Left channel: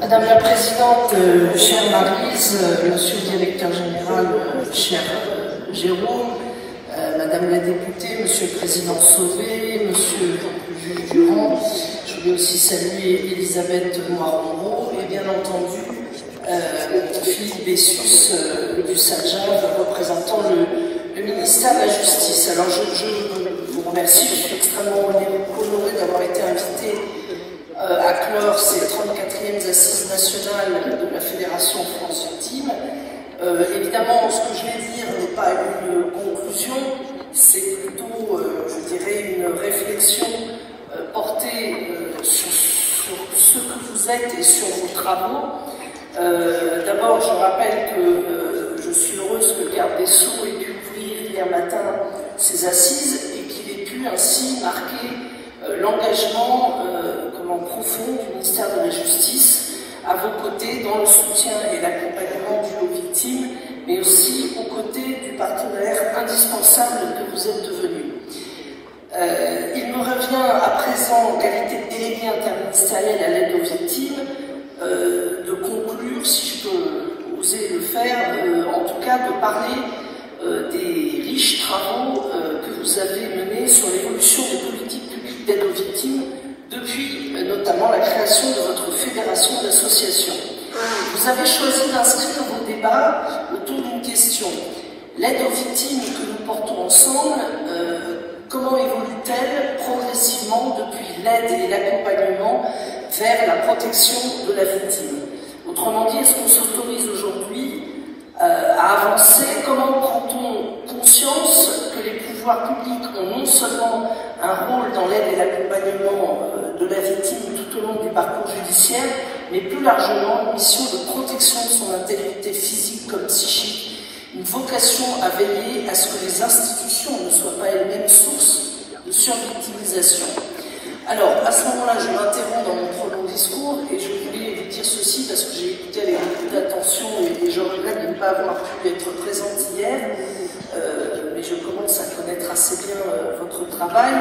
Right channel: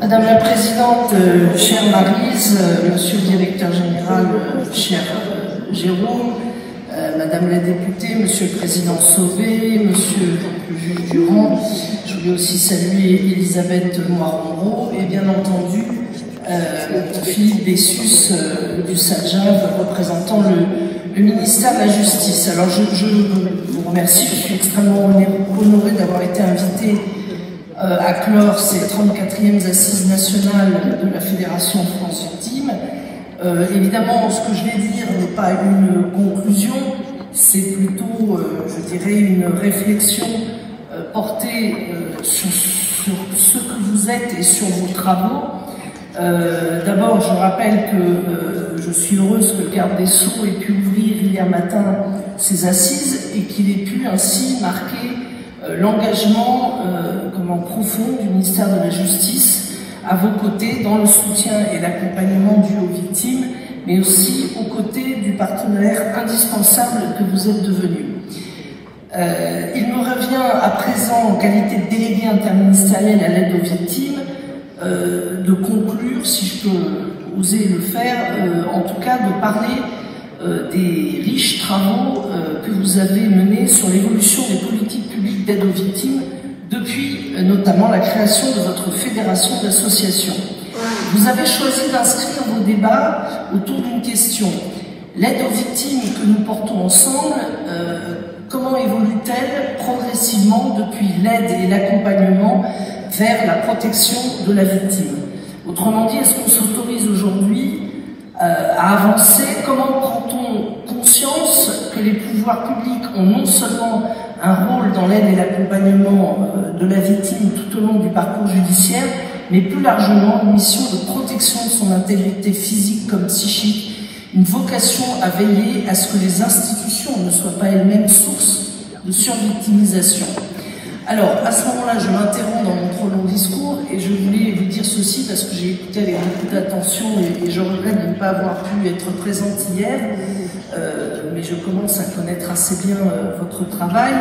Madame la Présidente, chère Maryse, Monsieur le Directeur Général, cher Jérôme, Madame la députée, Monsieur le Président Sauvé, Monsieur le juge Durand, je voulais aussi saluer Elisabeth Moirandon et bien entendu Philippe Bessus du SADJAV représentant le ministère de la Justice. Alors je vous remercie, je suis extrêmement honorée d'avoir été invitée à clore ces 34e assises nationales de la Fédération France Ultime. Évidemment, ce que je vais dire n'est pas une conclusion, c'est plutôt, je dirais, une réflexion portée sur ce que vous êtes et sur vos travaux. D'abord, je rappelle que je suis heureuse que le garde des Sceaux ait pu ouvrir hier matin ces assises et qu'il ait pu ainsi marquer l'engagement profond du ministère de la Justice à vos côtés dans le soutien et l'accompagnement dû aux victimes, mais aussi aux côtés du partenaire indispensable que vous êtes devenu. Il me revient à présent, en qualité de délégué interministériel à l'aide aux victimes, de conclure, si je peux oser le faire, en tout cas de parler des riches travaux que vous avez menés sur l'évolution des politiques publiques d'aide aux victimes depuis notamment la création de votre fédération d'associations. Vous avez choisi d'inscrire vos débats autour d'une question. L'aide aux victimes que nous portons ensemble, comment évolue-t-elle progressivement depuis l'aide et l'accompagnement vers la protection de la victime? Autrement dit, est-ce qu'on s'autorise aujourd'hui à avancer? Comment prend-on conscience que les pouvoirs publics ont non seulement un rôle dans l'aide et l'accompagnement de la victime tout au long du parcours judiciaire, mais plus largement une mission de protection de son intégrité physique comme psychique, une vocation à veiller à ce que les institutions ne soient pas elles-mêmes source de survictimisation. Alors, à ce moment-là, je m'interromps dans mon trop long discours et je voulais vous dire ceci parce que j'ai écouté avec beaucoup d'attention et je regrette de ne pas avoir pu être présente hier, mais je commence à connaître assez bien votre travail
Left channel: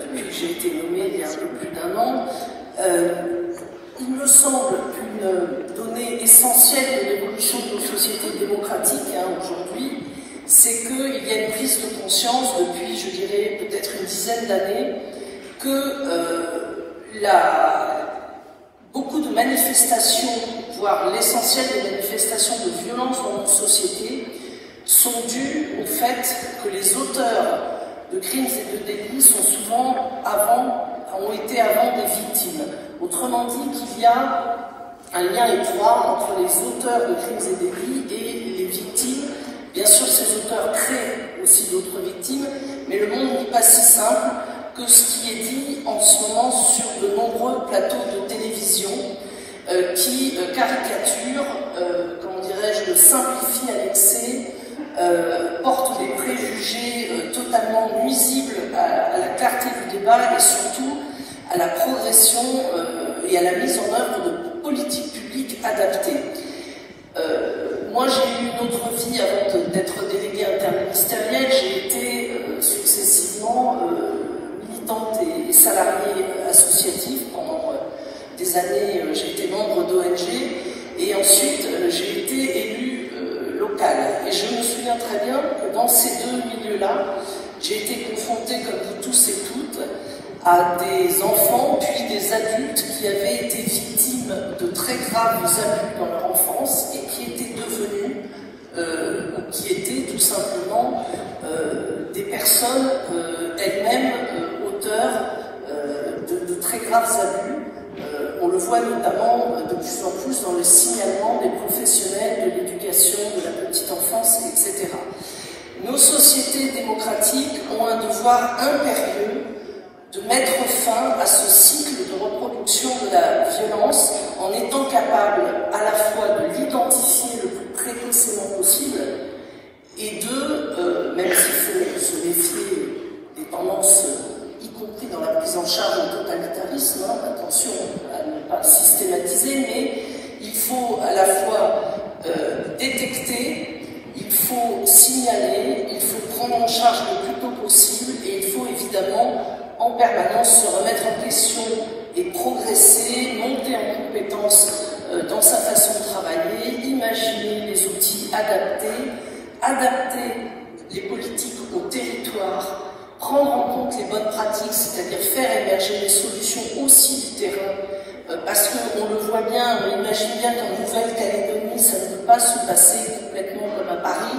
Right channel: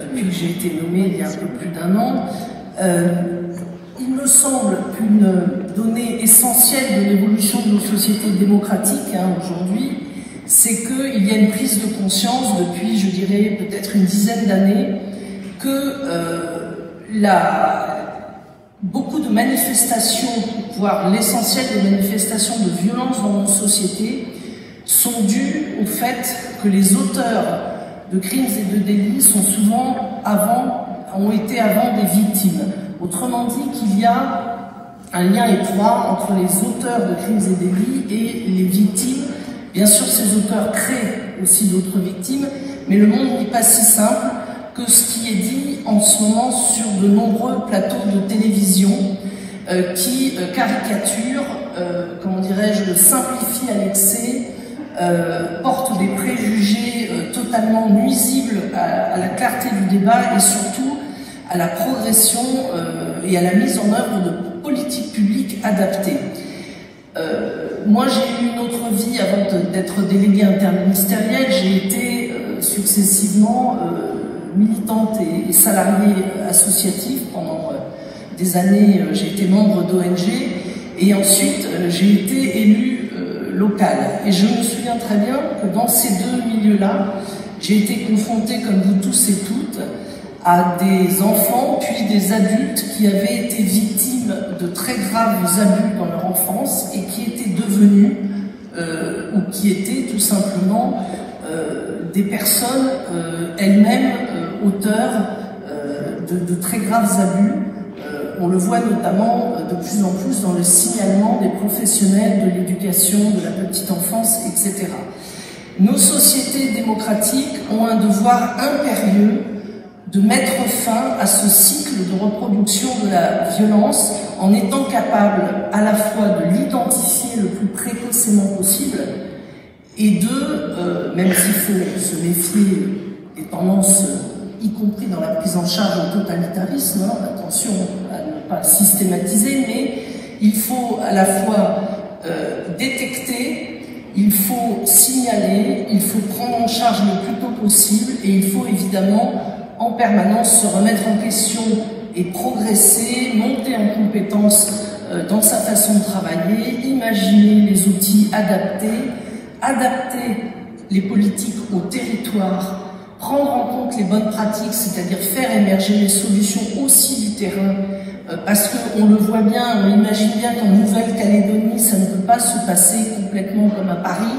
depuis que j'ai été nommée il y a un peu plus d'1 an. Il me semble qu'une donnée essentielle de l'évolution de nos sociétés démocratiques aujourd'hui, c'est qu'il y a une prise de conscience depuis, je dirais, peut-être une dizaine d'années, que beaucoup de manifestations, voire l'essentiel des manifestations de violence dans nos sociétés, sont dues au fait que les auteurs de crimes et de délits ont été avant des victimes. Autrement dit, qu'il y a un lien étroit entre les auteurs de crimes et délits et les victimes. Bien sûr, ces auteurs créent aussi d'autres victimes, mais le monde n'est pas si simple que ce qui est dit en ce moment sur de nombreux plateaux de télévision qui caricaturent, comment dirais-je, simplifient à l'excès, portent des préjugés totalement nuisibles à la clarté du débat et surtout à la progression et à la mise en œuvre de politiques publiques adaptées. Moi, j'ai eu une autre vie avant d'être déléguée interministérielle. J'ai été successivement militante et salariée associative pendant des années. J'ai été membre d'ONG et ensuite j'ai été élue locale. Et je me souviens très bien que dans ces deux milieux-là, j'ai été confrontée, comme vous tous et toutes, à des enfants puis des adultes qui avaient été victimes de très graves abus dans leur enfance et qui étaient devenus ou qui étaient tout simplement des personnes elles-mêmes auteurs de très graves abus. On le voit notamment de plus en plus dans le signalement des professionnels de l'éducation, de la petite enfance, etc. Nos sociétés démocratiques ont un devoir impérieux de mettre fin à ce cycle de reproduction de la violence en étant capable à la fois de l'identifier le plus précocement possible et de, même s'il faut se méfier des tendances y compris dans la prise en charge en totalitarisme, hein, attention à ne pas systématiser, mais il faut à la fois détecter, il faut signaler, il faut prendre en charge le plus tôt possible et il faut évidemment en permanence se remettre en question et progresser, monter en compétence dans sa façon de travailler, imaginer les outils adaptés, adapter les politiques au territoire, prendre en compte les bonnes pratiques, c'est-à-dire faire émerger les solutions aussi du terrain, parce qu'on le voit bien, on imagine bien qu'en Nouvelle-Calédonie, ça ne peut pas se passer complètement comme à Paris,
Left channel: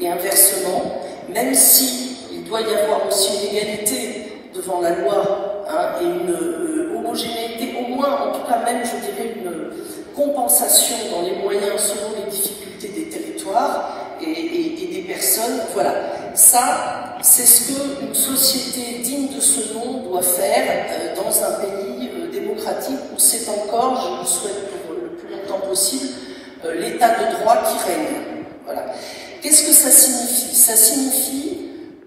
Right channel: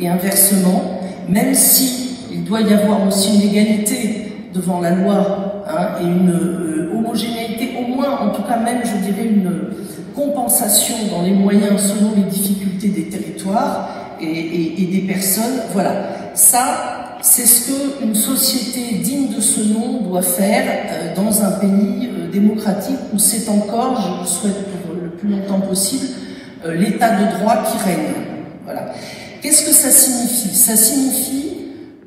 et inversement, même si il doit y avoir aussi une égalité devant la loi, hein, et une homogénéité, au moins, en tout cas même, je dirais, une compensation dans les moyens selon les difficultés des territoires et des personnes. Voilà, ça, c'est ce qu'une société digne de ce nom doit faire dans un pays démocratique où c'est encore, je le souhaite pour le plus longtemps possible, l'état de droit qui règne. Voilà. Qu'est-ce que ça signifie? Ça signifie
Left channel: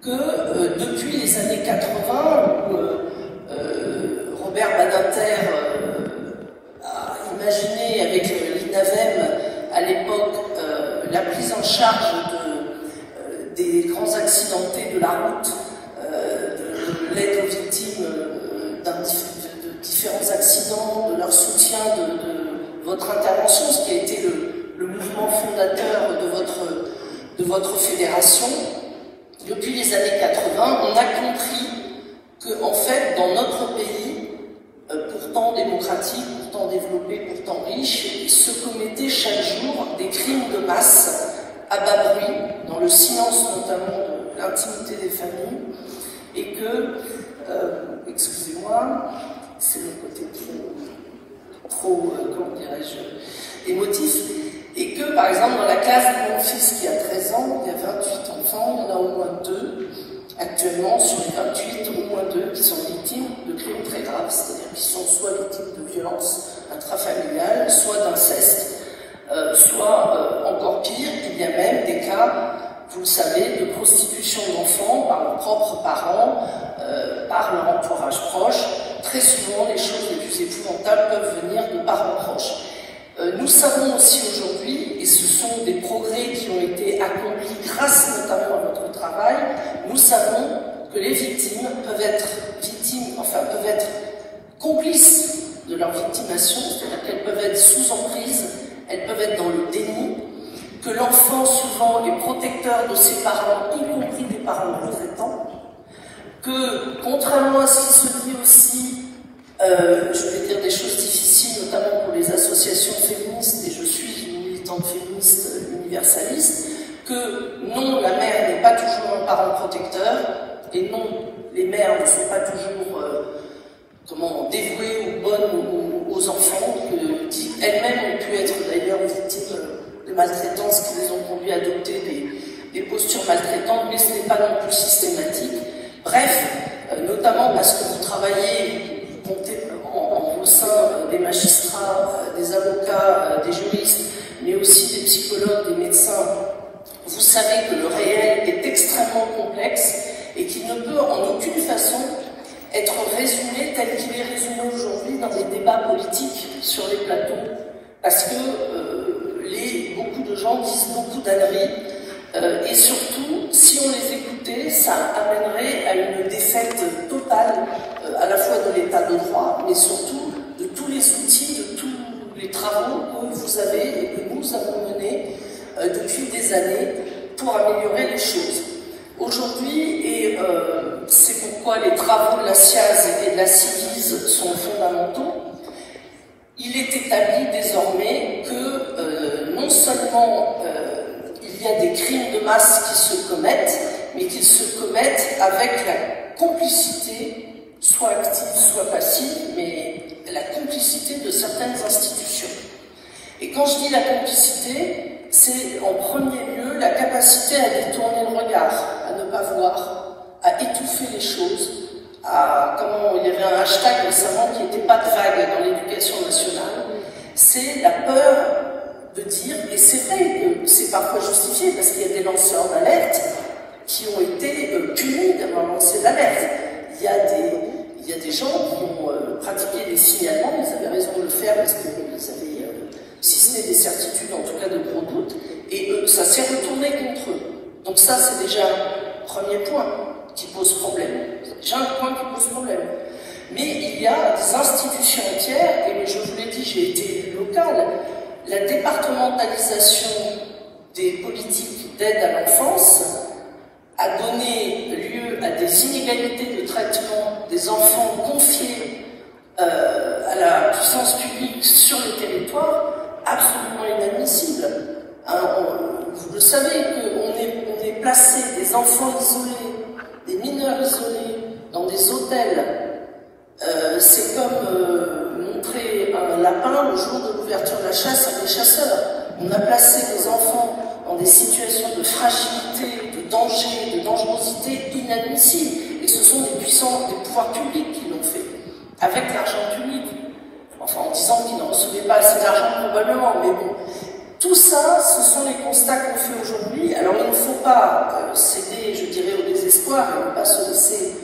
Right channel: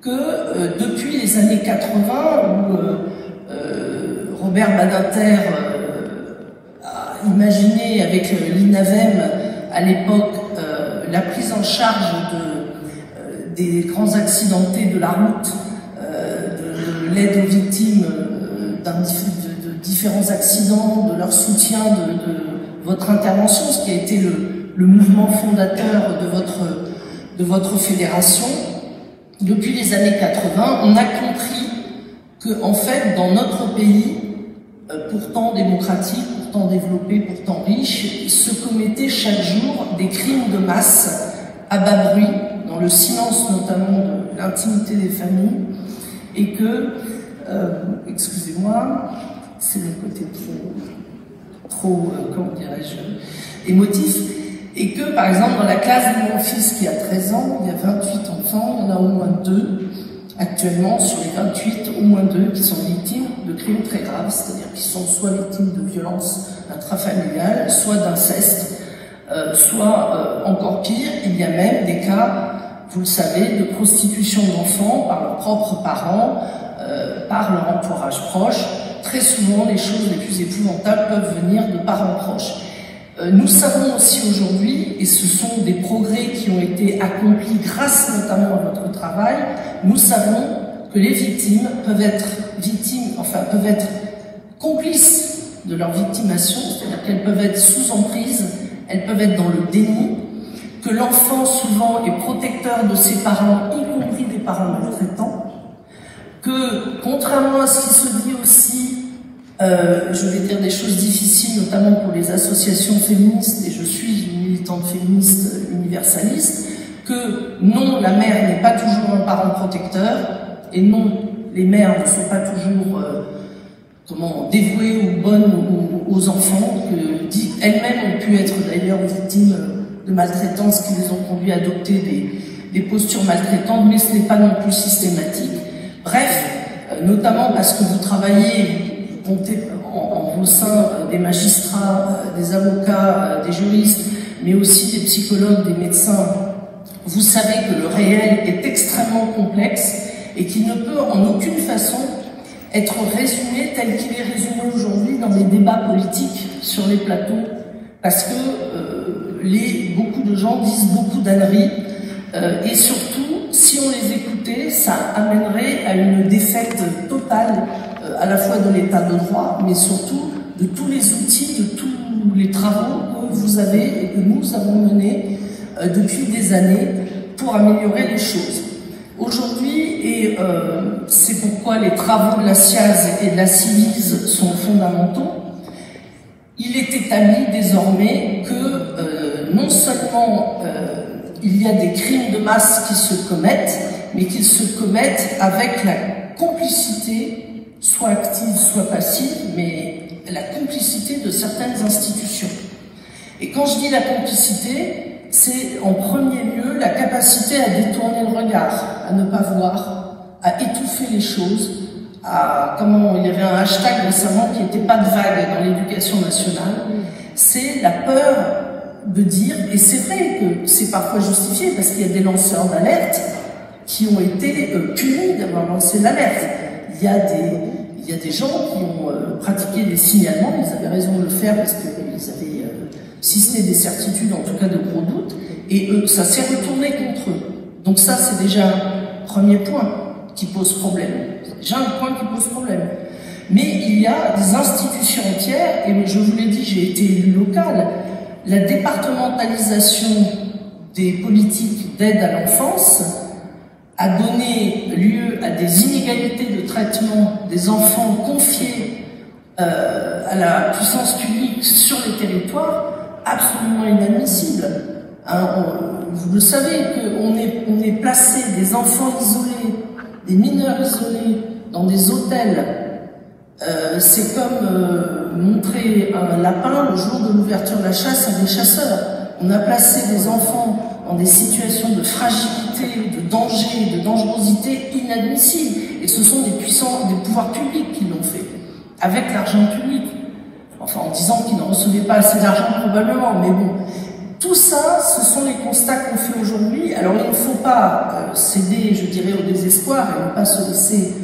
que depuis les années 80, où Robert Badinter a imaginé avec l'INAVEM à l'époque la prise en charge des grands accidentés de la route, de l'aide aux victimes de différents accidents, de leur soutien, de votre intervention, ce qui a été le mouvement fondateur de votre fédération. Depuis les années 80, on a compris que, en fait, dans notre pays, pourtant démocratique, pourtant développé, pourtant riche, se commettaient chaque jour des crimes de masse à bas bruit, dans le silence notamment de l'intimité des familles, et que, excusez-moi, c'est le côté trop comment dirais-je, émotif, et que, par exemple, dans la classe de mon fils qui a 13 ans, il y a 28 enfants, il y en a au moins 2, actuellement, sur les 28, au moins 2 qui sont victimes de crimes très graves, c'est-à-dire qui sont soit victimes de violences intrafamiliales, soit d'inceste, soit encore pire, il y a même des cas, vous le savez, de prostitution d'enfants par leurs propres parents, par leur entourage proche. Très souvent, les choses les plus épouvantables peuvent venir de parents proches. Nous savons aussi aujourd'hui, et ce sont des progrès qui ont été accomplis grâce notamment à votre travail, nous savons que les victimes peuvent être complices de leur victimation, c'est-à-dire qu'elles peuvent être sous emprise, elles peuvent être dans le déni, que l'enfant souvent est protecteur de ses parents, y compris des parents maltraitants, que contrairement à ce qui se dit aussi, je vais dire des choses difficiles, notamment pour les associations féministes, et je suis une militante féministe universaliste, que non, la mère n'est pas toujours un parent protecteur, et non, les mères ne sont pas toujours dévouées ou bonnes aux enfants, que elles-mêmes ont pu être d'ailleurs victimes de maltraitance qui les ont conduits à adopter des postures maltraitantes, mais ce n'est pas non plus systématique. Bref, notamment parce que vous travaillez, vous comptez au sein des magistrats, des avocats, des juristes, mais aussi des psychologues, des médecins, vous savez que le réel est extrêmement complexe et qu'il ne peut en aucune façon être résumé tel qu'il est résumé aujourd'hui dans les débats politiques sur les plateaux, parce que beaucoup de gens disent beaucoup d'âneries, et surtout, si on les écoutait, ça amènerait à une défaite totale, à la fois de l'état de droit, mais surtout de tous les outils, de tous les travaux que vous avez et que nous avons menés depuis des années pour améliorer les choses. Aujourd'hui, et c'est pourquoi les travaux de la SIAZ et de la CIVIS sont fondamentaux, il est établi désormais que non seulement il y a des crimes de masse qui se commettent, mais qu'ils se commettent avec la complicité, soit active, soit passive, mais la complicité de certaines institutions. Et quand je dis la complicité, c'est en premier lieu la capacité à détourner le regard, à ne pas voir, à étouffer les choses, il y avait un hashtag récemment qui n'était pas de vague dans l'éducation nationale, c'est la peur de dire, et c'est vrai que c'est parfois justifié parce qu'il y a des lanceurs d'alerte qui ont été punis d'avoir lancé l'alerte. il y a des gens qui ont pratiqué des signalements, ils avaient raison de le faire parce qu'ils avaient, si ce n'est des certitudes, en tout cas de gros doutes, et ça s'est retourné contre eux. Donc ça, c'est déjà un premier point qui pose problème. C'est déjà un point qui pose problème. Mais il y a des institutions entières, et je vous l'ai dit, j'ai été élu local, la départementalisation des politiques d'aide à l'enfance a donné lieu à des inégalités de traitement des enfants confiés à la puissance publique sur les territoires absolument inadmissibles. Vous le savez, qu'on est placé des enfants isolés, des mineurs isolés, dans des hôtels. C'est comme montrer un lapin le jour de l'ouverture de la chasse à des chasseurs. On a placé des enfants dans des situations de fragilité, de danger, de dangerosité inadmissibles. Et ce sont des pouvoirs publics qui l'ont fait, avec l'argent public. Enfin, en disant qu'ils ne recevaient pas assez d'argent probablement, mais bon. Tout ça, ce sont les constats qu'on fait aujourd'hui. Alors, il ne faut pas céder, je dirais, au désespoir et ne pas se laisser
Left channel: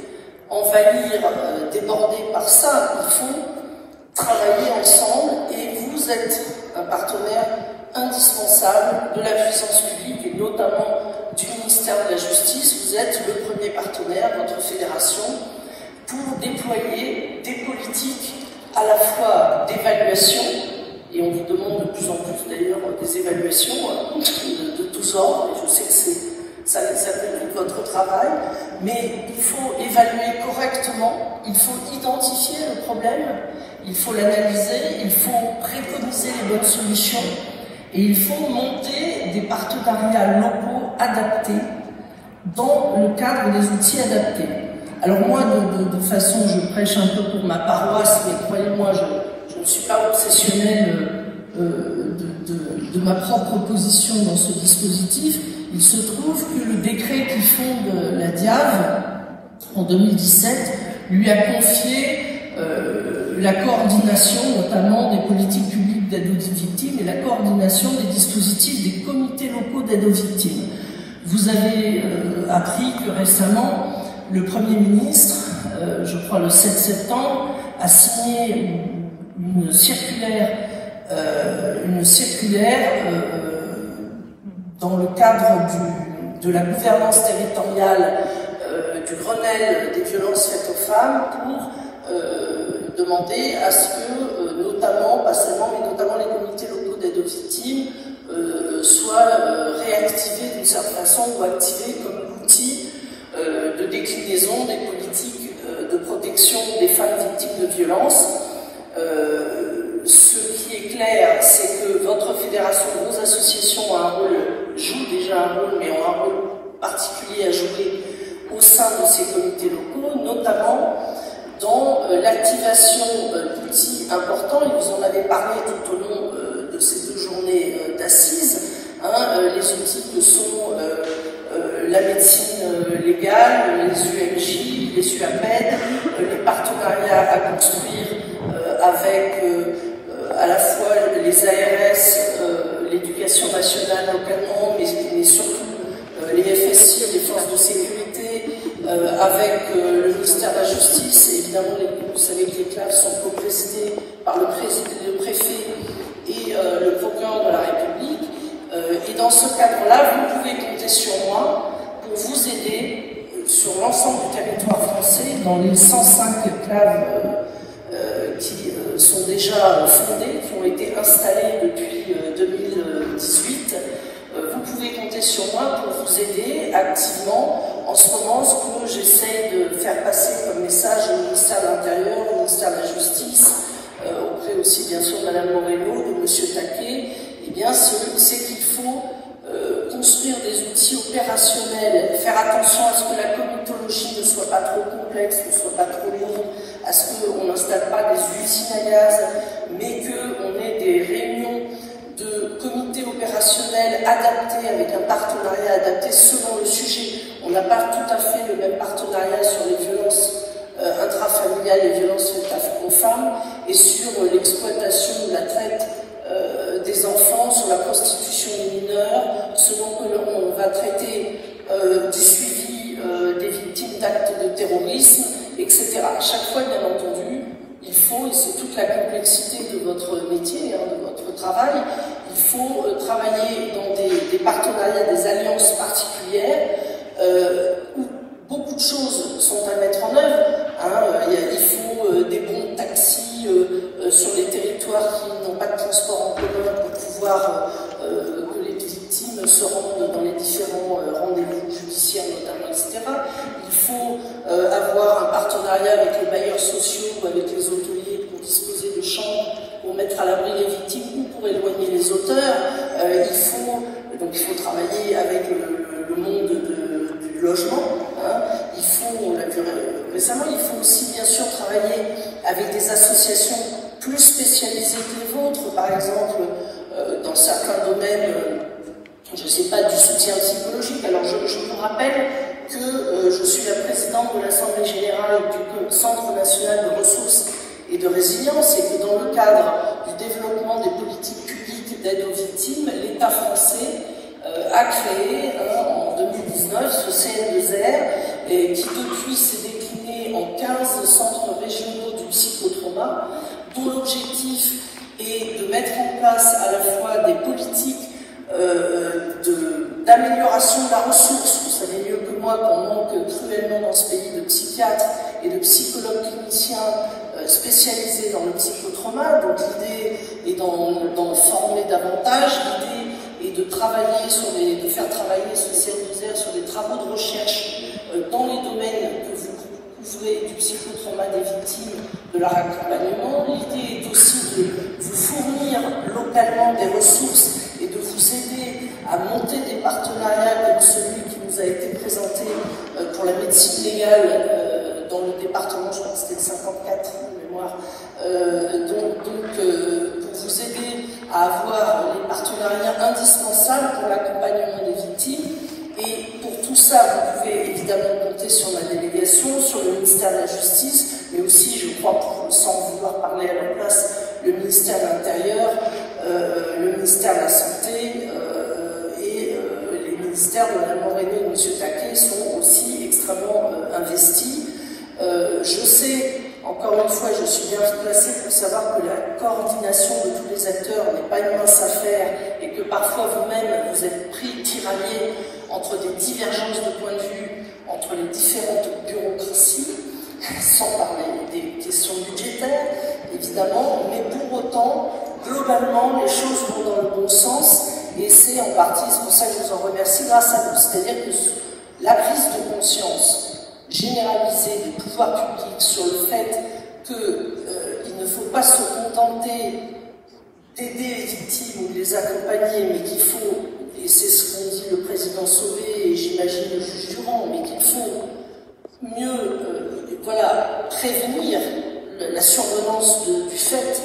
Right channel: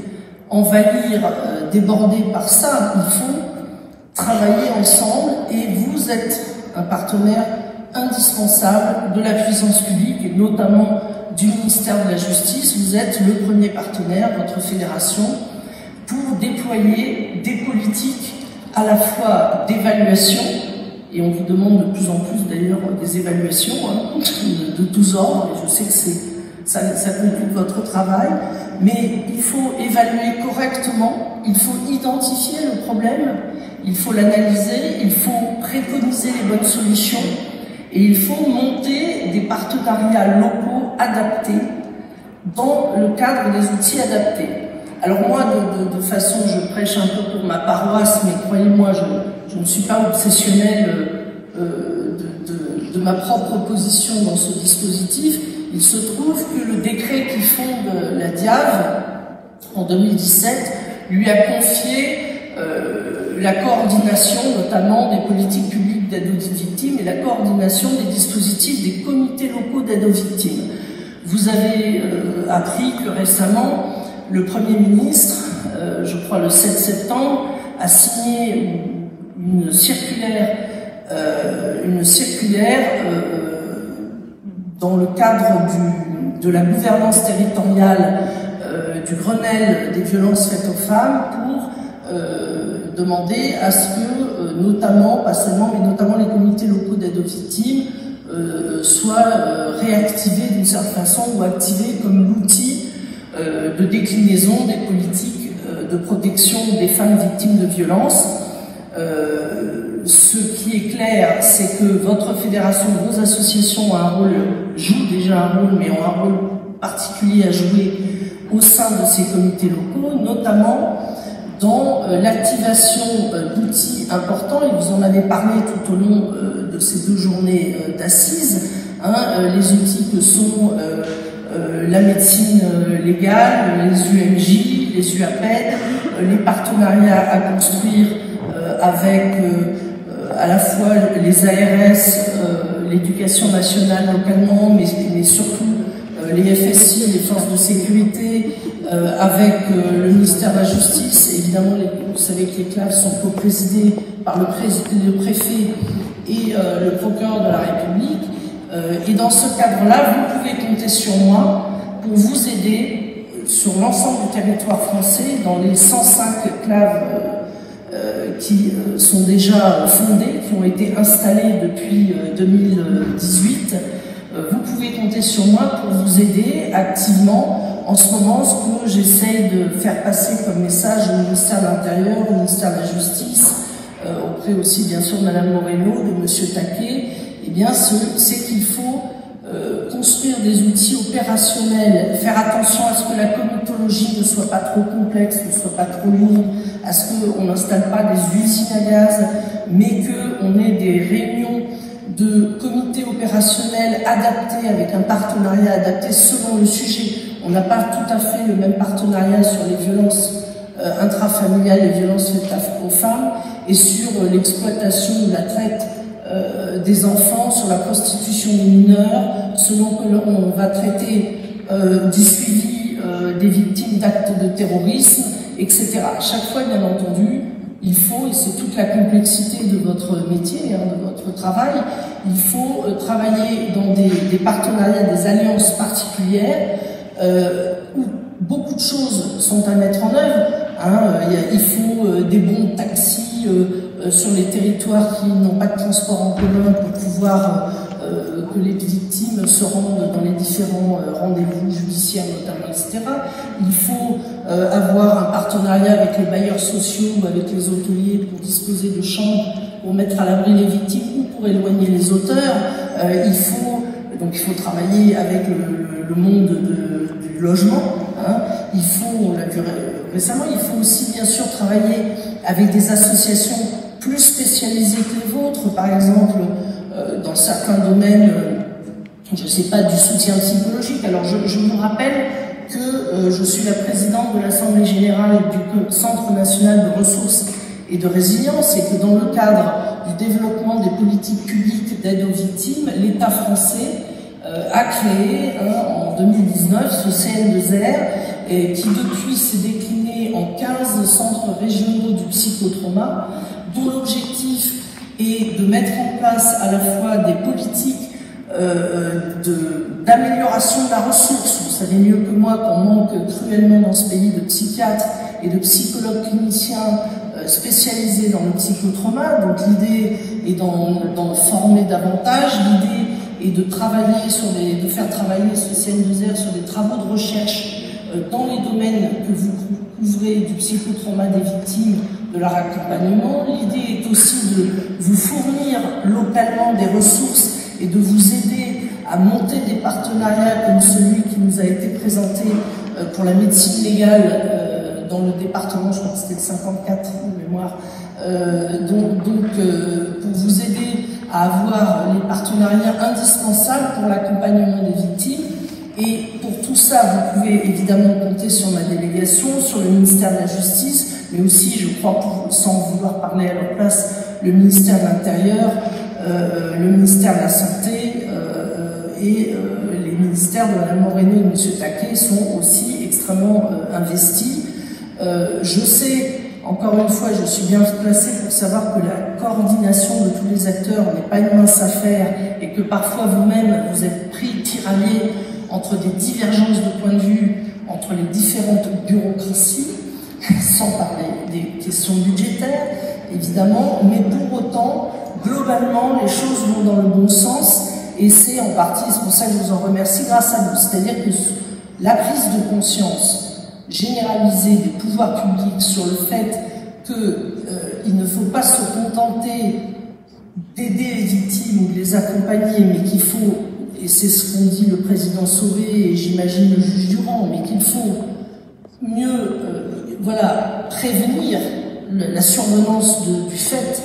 envahir, déborder par ça. Il faut travailler ensemble et vous êtes un partenaire indispensable de la puissance publique et notamment du ministère de la Justice. Vous êtes le premier partenaire, votre fédération, pour déployer des politiques à la fois d'évaluation, et on vous demande de plus en plus d'ailleurs des évaluations de tous ordres, et je sais que ça complique votre travail, mais il faut évaluer correctement, il faut identifier le problème, il faut l'analyser, il faut préconiser les bonnes solutions, et il faut monter des partenariats locaux adaptés dans le cadre des outils adaptés. Alors moi, de façon, je prêche un peu pour ma paroisse, mais croyez-moi, je ne suis pas obsessionnelle de ma propre position dans ce dispositif. Il se trouve que le décret qui fonde la DIAV, en 2017, lui a confié la coordination, notamment des politiques publiques d'aide aux victimes, et la coordination des dispositifs des comités locaux d'aide aux victimes. Vous avez appris que récemment, le Premier ministre, je crois le 7 septembre, a signé une circulaire dans le cadre de la gouvernance territoriale du Grenelle des violences faites aux femmes pour demander à ce que, notamment, pas seulement, mais notamment les comités locaux d'aide aux victimes soient réactivés d'une certaine façon ou activés comme l'outil de déclinaison des politiques de protection des femmes victimes de violences. Ce qui est clair, c'est que votre fédération, vos associations jouent déjà un rôle, mais ont un rôle particulier à jouer au sein de ces comités locaux, notamment dans l'activation d'outils importants, et vous en avez parlé tout au long de ces 2 journées d'assises, les outils que sont la médecine légale, les UMJ, les UAPED, les partenariats à construire avec à la fois les ARS, l'éducation nationale localement, mais surtout les FSI, les forces de sécurité, avec le ministère de la Justice. Évidemment, vous savez que les CLAV sont co-présidés par le préfet et le procureur de la République. Et dans ce cadre-là, vous pouvez compter sur moi pour vous aider sur l'ensemble du territoire français, dans les 105 CLAV qui sont déjà fondés, qui ont été installés depuis 2018. Vous pouvez compter sur moi pour vous aider activement. En ce moment, ce que j'essaye de faire passer comme message au ministère de l'Intérieur, au ministère de la Justice, auprès aussi bien sûr de Mme Moreno, de M. Taquet, eh bien, c'est qu'il faut construire des outils opérationnels, faire attention à ce que la comitologie ne soit pas trop complexe, ne soit pas trop lourde, à ce qu'on n'installe pas des usines à gaz, mais qu'on ait des réunions de comités opérationnels adaptés, avec un partenariat adapté selon le sujet. On n'a pas tout à fait le même partenariat sur les violences intrafamiliales, les violences faites aux femmes, et sur l'exploitation de la traite des enfants, sur la prostitution des mineurs, selon que l'on va traiter du suivi des victimes d'actes de terrorisme, etc. À chaque fois, bien entendu, il faut, et c'est toute la complexité de votre métier, de votre travail, il faut travailler dans des partenariats, des alliances particulières, où beaucoup de choses sont à mettre en œuvre. Il faut des bons taxis sur les territoires qui n'ont pas de transport en commun pour pouvoir que les victimes se rendent dans les différents rendez-vous judiciaires notamment, etc. Il faut avoir un partenariat avec les bailleurs sociaux, avec les hôteliers pour disposer de chambres pour mettre à l'abri les victimes ou pour éloigner les auteurs. Il faut travailler avec le monde du logement. Il faut, on l'a vu récemment, il faut aussi bien sûr travailler avec des associations plus spécialisées que les vôtres, par exemple dans certains domaines, je ne sais pas, du soutien psychologique. Alors je vous rappelle que je suis la présidente de l'Assemblée Générale du Centre National de Ressources et de Résilience, et que dans le cadre du développement des politiques publiques d'aide aux victimes, l'État français a créé en 2019 ce CN2R qui depuis s'est décliné en 15 centres régionaux du psychotrauma, dont l'objectif est de mettre en place à la fois des politiques d'amélioration de la ressource. Vous savez mieux que moi qu'on manque cruellement dans ce pays de psychiatres et de psychologues cliniciens spécialisés dans le psychotrauma. Donc l'idée est d'en former davantage, l'idée est de travailler de faire travailler ce CN2R sur des travaux de recherche dans les domaines que vous couvrez du psychotrauma des victimes, de leur accompagnement. L'idée est aussi de vous fournir localement des ressources et de vous aider à monter des partenariats comme celui qui nous a été présenté pour la médecine légale dans le département, je crois que c'était le 54 de mémoire, pour vous aider à avoir les partenariats indispensables pour l'accompagnement des victimes. Et pour tout ça, vous pouvez évidemment compter sur ma délégation, sur le ministère de la Justice, mais aussi, je crois, sans vouloir parler à leur place, le ministère de l'Intérieur, le ministère de la Santé et les ministères de Mme Moreno et de M. Taquet sont aussi extrêmement investis. Je sais, encore une fois, je suis bien placée pour savoir que la coordination de tous les acteurs n'est pas une mince affaire et que parfois vous-même, vous êtes pris, tiraillés entre des divergences de point de vue entre les différentes bureaucraties, sans parler des questions budgétaires, évidemment, mais pour autant, globalement, les choses vont dans le bon sens, et c'est en partie, c'est pour ça que je vous en remercie, grâce à vous. C'est-à-dire que la prise de conscience généralisée des pouvoirs publics sur le fait qu'il ne faut pas se contenter d'aider les victimes ou de les accompagner, mais qu'il faut, et c'est ce qu'ont dit le président Sauvé et j'imagine le juge Durand, mais qu'il faut mieux prévenir la survenance du fait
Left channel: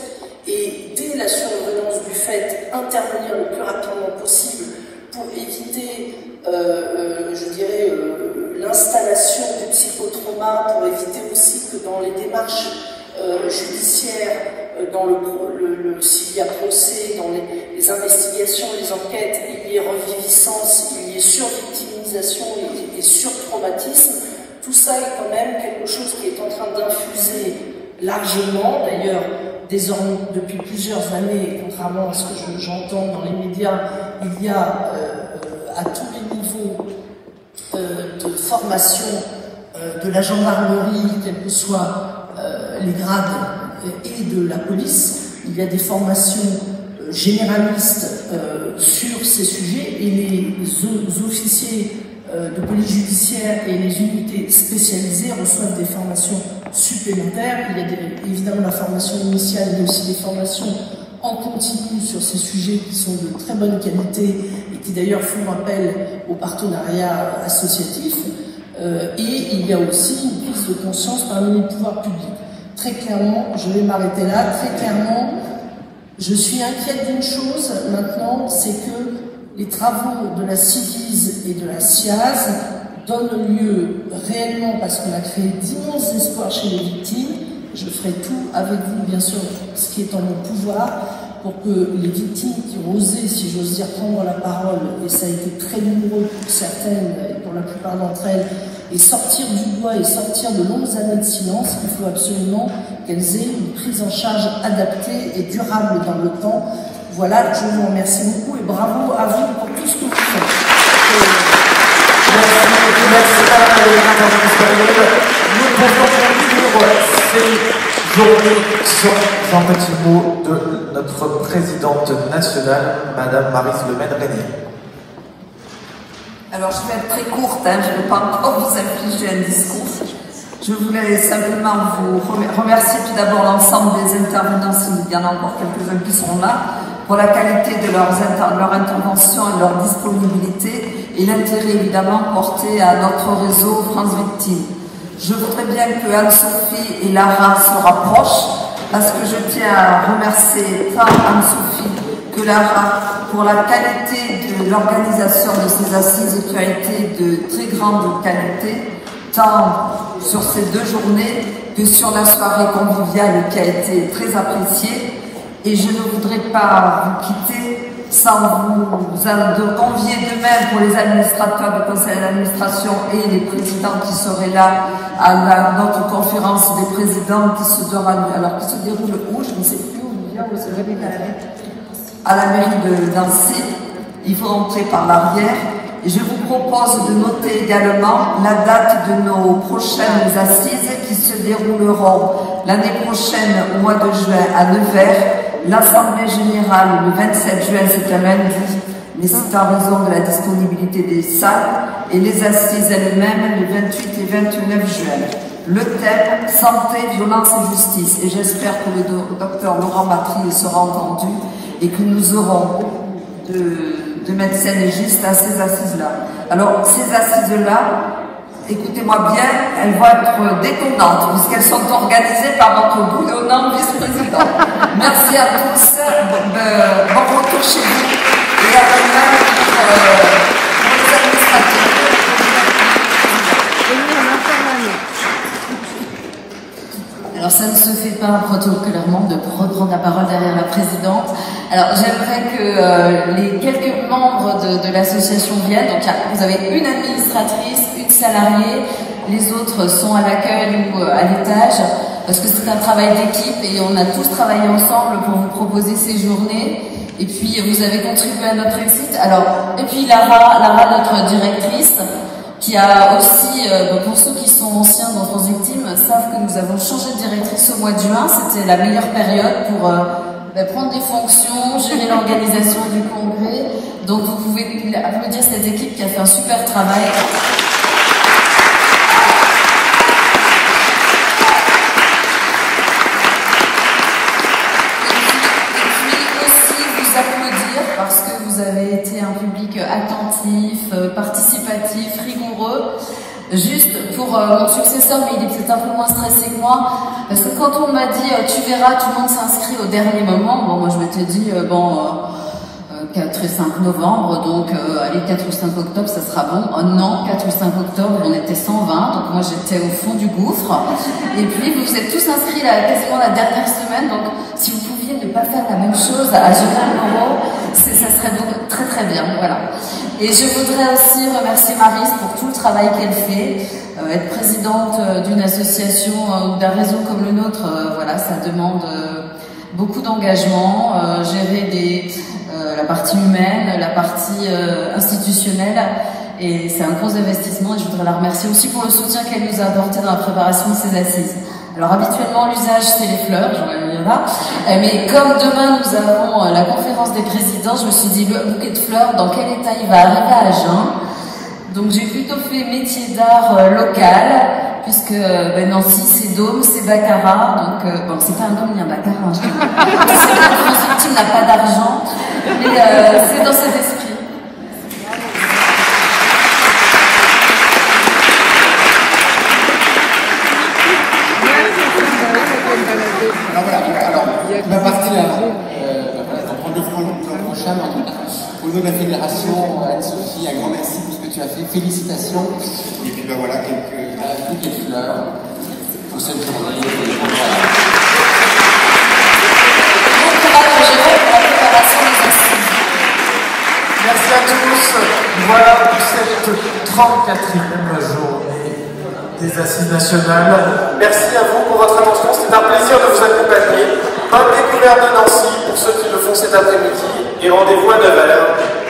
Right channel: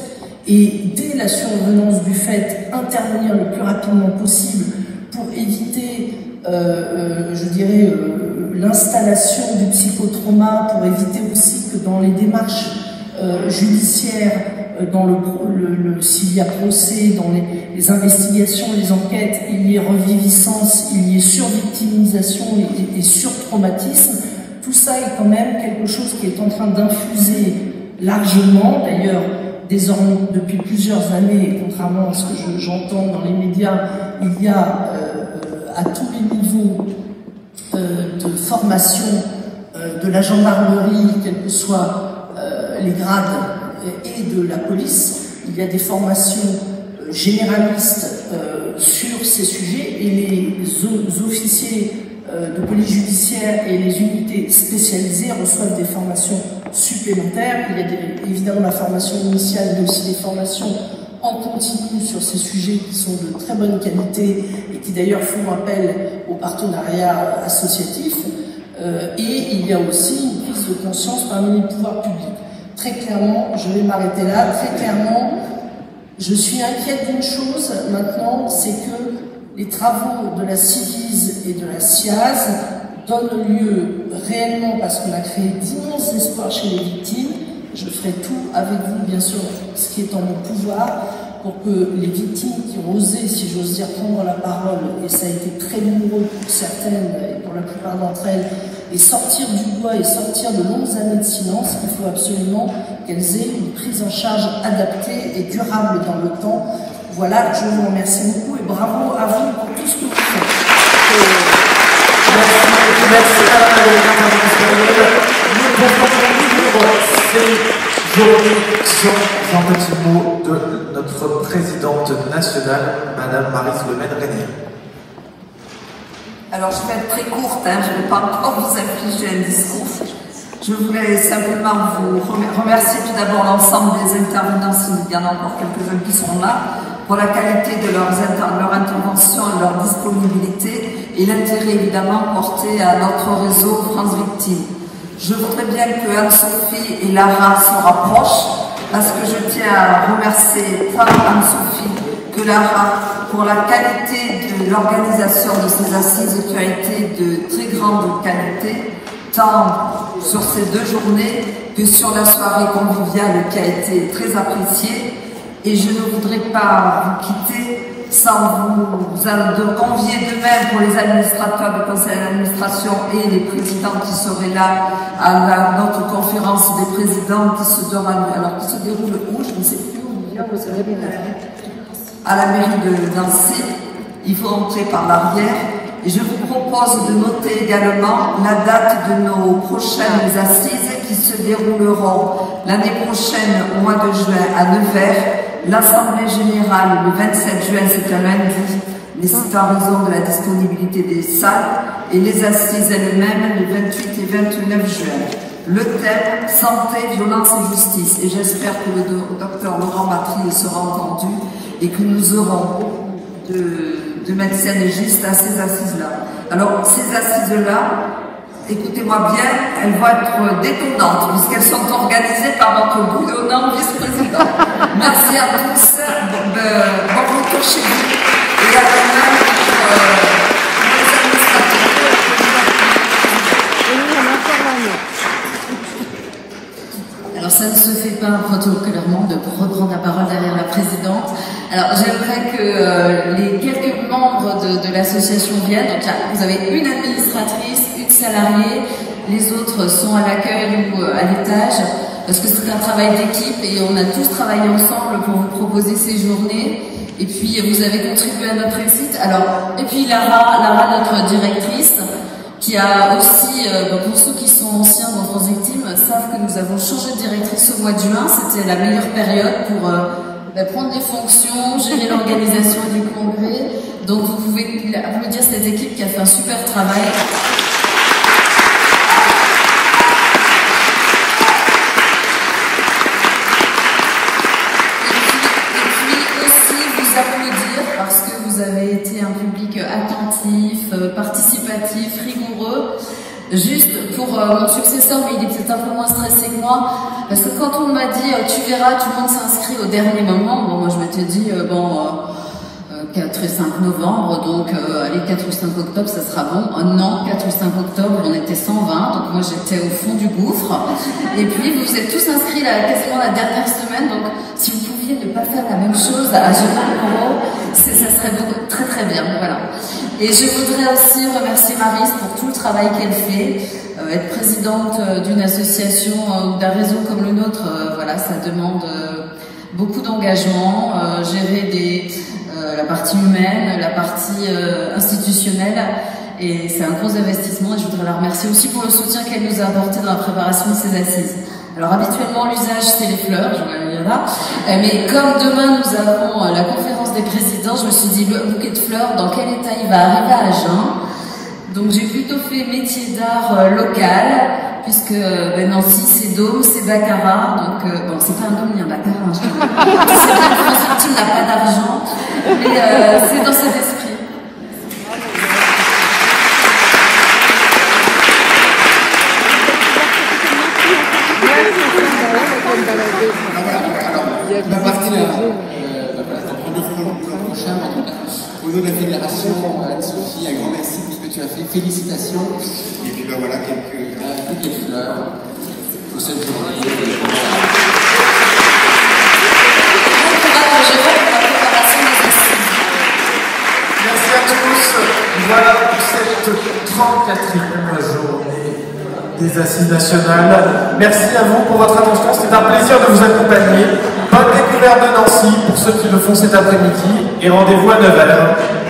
et dès la survenance du fait intervenir le plus rapidement possible pour éviter, je dirais, l'installation du psychotrauma, pour éviter aussi que dans les démarches judiciaires, s'il y a procès, dans les investigations, les enquêtes, il y ait revieillissance, il y ait survictimisation et surtraumatisme. Tout ça est quand même quelque chose qui est en train d'infuser largement, d'ailleurs, désormais depuis plusieurs années, contrairement à ce que j'entends dans les médias, il y a à tous les niveaux de formation de la gendarmerie, quels que soient les grades, et de la police. Il y a des formations généralistes sur ces sujets et les officiers de police judiciaire et les unités spécialisées reçoivent des formations supplémentaires. Il y a évidemment la formation initiale, mais aussi des formations en continu sur ces sujets qui sont de très bonne qualité et qui d'ailleurs font appel au partenariat associatif. Et il y a aussi une prise de conscience parmi les pouvoirs publics. Très clairement, je vais m'arrêter là, très clairement, je suis inquiète d'une chose maintenant, c'est que les travaux de la CIVIS et de la SIAZ donnent lieu réellement, parce qu'on a créé d'immenses espoirs chez les victimes. Je ferai tout avec vous, bien sûr, ce qui est en mon pouvoir, pour que les victimes qui ont osé, si j'ose dire, prendre la parole, et ça a été très douloureux pour certaines, et pour la plupart d'entre elles, et sortir du bois et sortir de longues années de silence, il faut absolument qu'elles aient une prise en charge adaptée et durable dans le temps. Voilà, je vous remercie beaucoup et bravo à vous pour tout ce que vous faites. Merci Jean petit mot de notre présidente nationale, Madame Maryse Le Maine-Régnier. Alors je vais être très courte, je ne vais pas encore vous infliger un discours. Je voulais simplement vous remercier tout d'abord l'ensemble des intervenants, s'il y en a encore quelques-uns qui sont là, pour la qualité de leur intervention et leur disponibilité et l'intérêt évidemment porté à notre réseau France Victimes. Je voudrais bien que Anne-Sophie et Lara se rapprochent parce que je tiens à remercier tant Anne-Sophie que Lara pour la qualité de l'organisation de ces assises qui a été de très grande qualité, tant sur ces 2 journées que sur la soirée conviviale qui a été très appréciée. Et je ne voudrais pas vous quitter sans vous convier de même pour les administrateurs du conseil d'administration et les présidents qui seraient là à notre conférence des présidents qui se déroule où, je ne sais plus où, à la mairie de Nancy. Il faut entrer par l'arrière. Et je vous propose de noter également la date de nos prochaines assises qui se dérouleront l'année prochaine au mois de juin à Nevers. L'Assemblée générale le 27 juin, c'est un lundi, mais c'est en raison de la disponibilité des salles, et les assises elles-mêmes les 28 et 29 juin. Le thème « Santé, violence et justice », et j'espère que le docteur Laurent Matrier sera entendu et que nous aurons de médecins légistes à ces assises-là. Alors, ces assises-là, écoutez-moi bien, elles vont être détonnantes, puisqu'elles sont organisées par notre bouillonnant vice-président. Merci à tous, bon retour chez vous, et à vous-même pour les administrateurs. Alors ça ne se fait pas protocolairement de reprendre la parole derrière la présidente. Alors j'aimerais que les quelques membres de l'association viennent. Donc vous avez une administratrice, une salariée, les autres sont à l'accueil ou à l'étage, parce que c'est un travail d'équipe et on a tous travaillé ensemble pour vous proposer ces journées. Et puis vous avez contribué à notre réussite. Alors, et puis Lara, notre directrice, qui a aussi, pour ceux qui sont anciens dans France Victimes, savent que nous avons changé de directrice au mois de juin. C'était la meilleure période pour prendre des fonctions, gérer l'organisation du congrès. Donc vous pouvez applaudir cette équipe qui a fait un super travail. Un public attentif, participatif, rigoureux. Juste pour mon successeur, mais il est peut-être un peu moins stressé que moi, parce que quand on m'a dit tu verras, tout le monde s'inscrit au dernier moment, bon, moi je m'étais dit 4 et 5 novembre, donc allez, 4 ou 5 octobre, ça sera bon. Oh non, 4 ou 5 octobre, on était 120, donc moi j'étais au fond du gouffre. Et puis vous êtes tous inscrits là, quasiment la dernière semaine, donc si vous pouviez ne pas faire la même chose à Gérard Moreau, ça serait très très bien, voilà. Et je voudrais aussi remercier Maryse pour tout le travail qu'elle fait. Être présidente d'une association ou d'un réseau comme le nôtre, voilà, ça demande beaucoup d'engagement, gérer la partie humaine, la partie institutionnelle, et c'est un gros investissement, et je voudrais la remercier aussi pour le soutien qu'elle nous a apporté dans la préparation de ces assises. Alors habituellement l'usage c'est les fleurs, j'en ai mis là, mais comme demain nous avons la conférence des présidents, je me suis dit le bouquet de fleurs, dans quel état il va arriver à Agen. Donc j'ai plutôt fait métier d'art local, puisque Nancy c'est Dôme, c'est Baccarat, donc c'est pas un Dôme, il y a un Baccarat. C'est bien que le soutien n'a pas d'argent, et c'est dans cet esprit. On va partir le prochain au nom de la fédération. Anne-Sophie, un grand merci pour ce que tu as fait. Félicitations. Et puis voilà, toutes les fleurs pour cette journée. Merci à tous. Voilà pour cette 34e journée. des Assises nationales. Merci à vous pour votre attention, c'est un plaisir de vous accompagner. Bonne découverte de Nancy pour ceux qui le font cet après-midi et rendez-vous à 9h.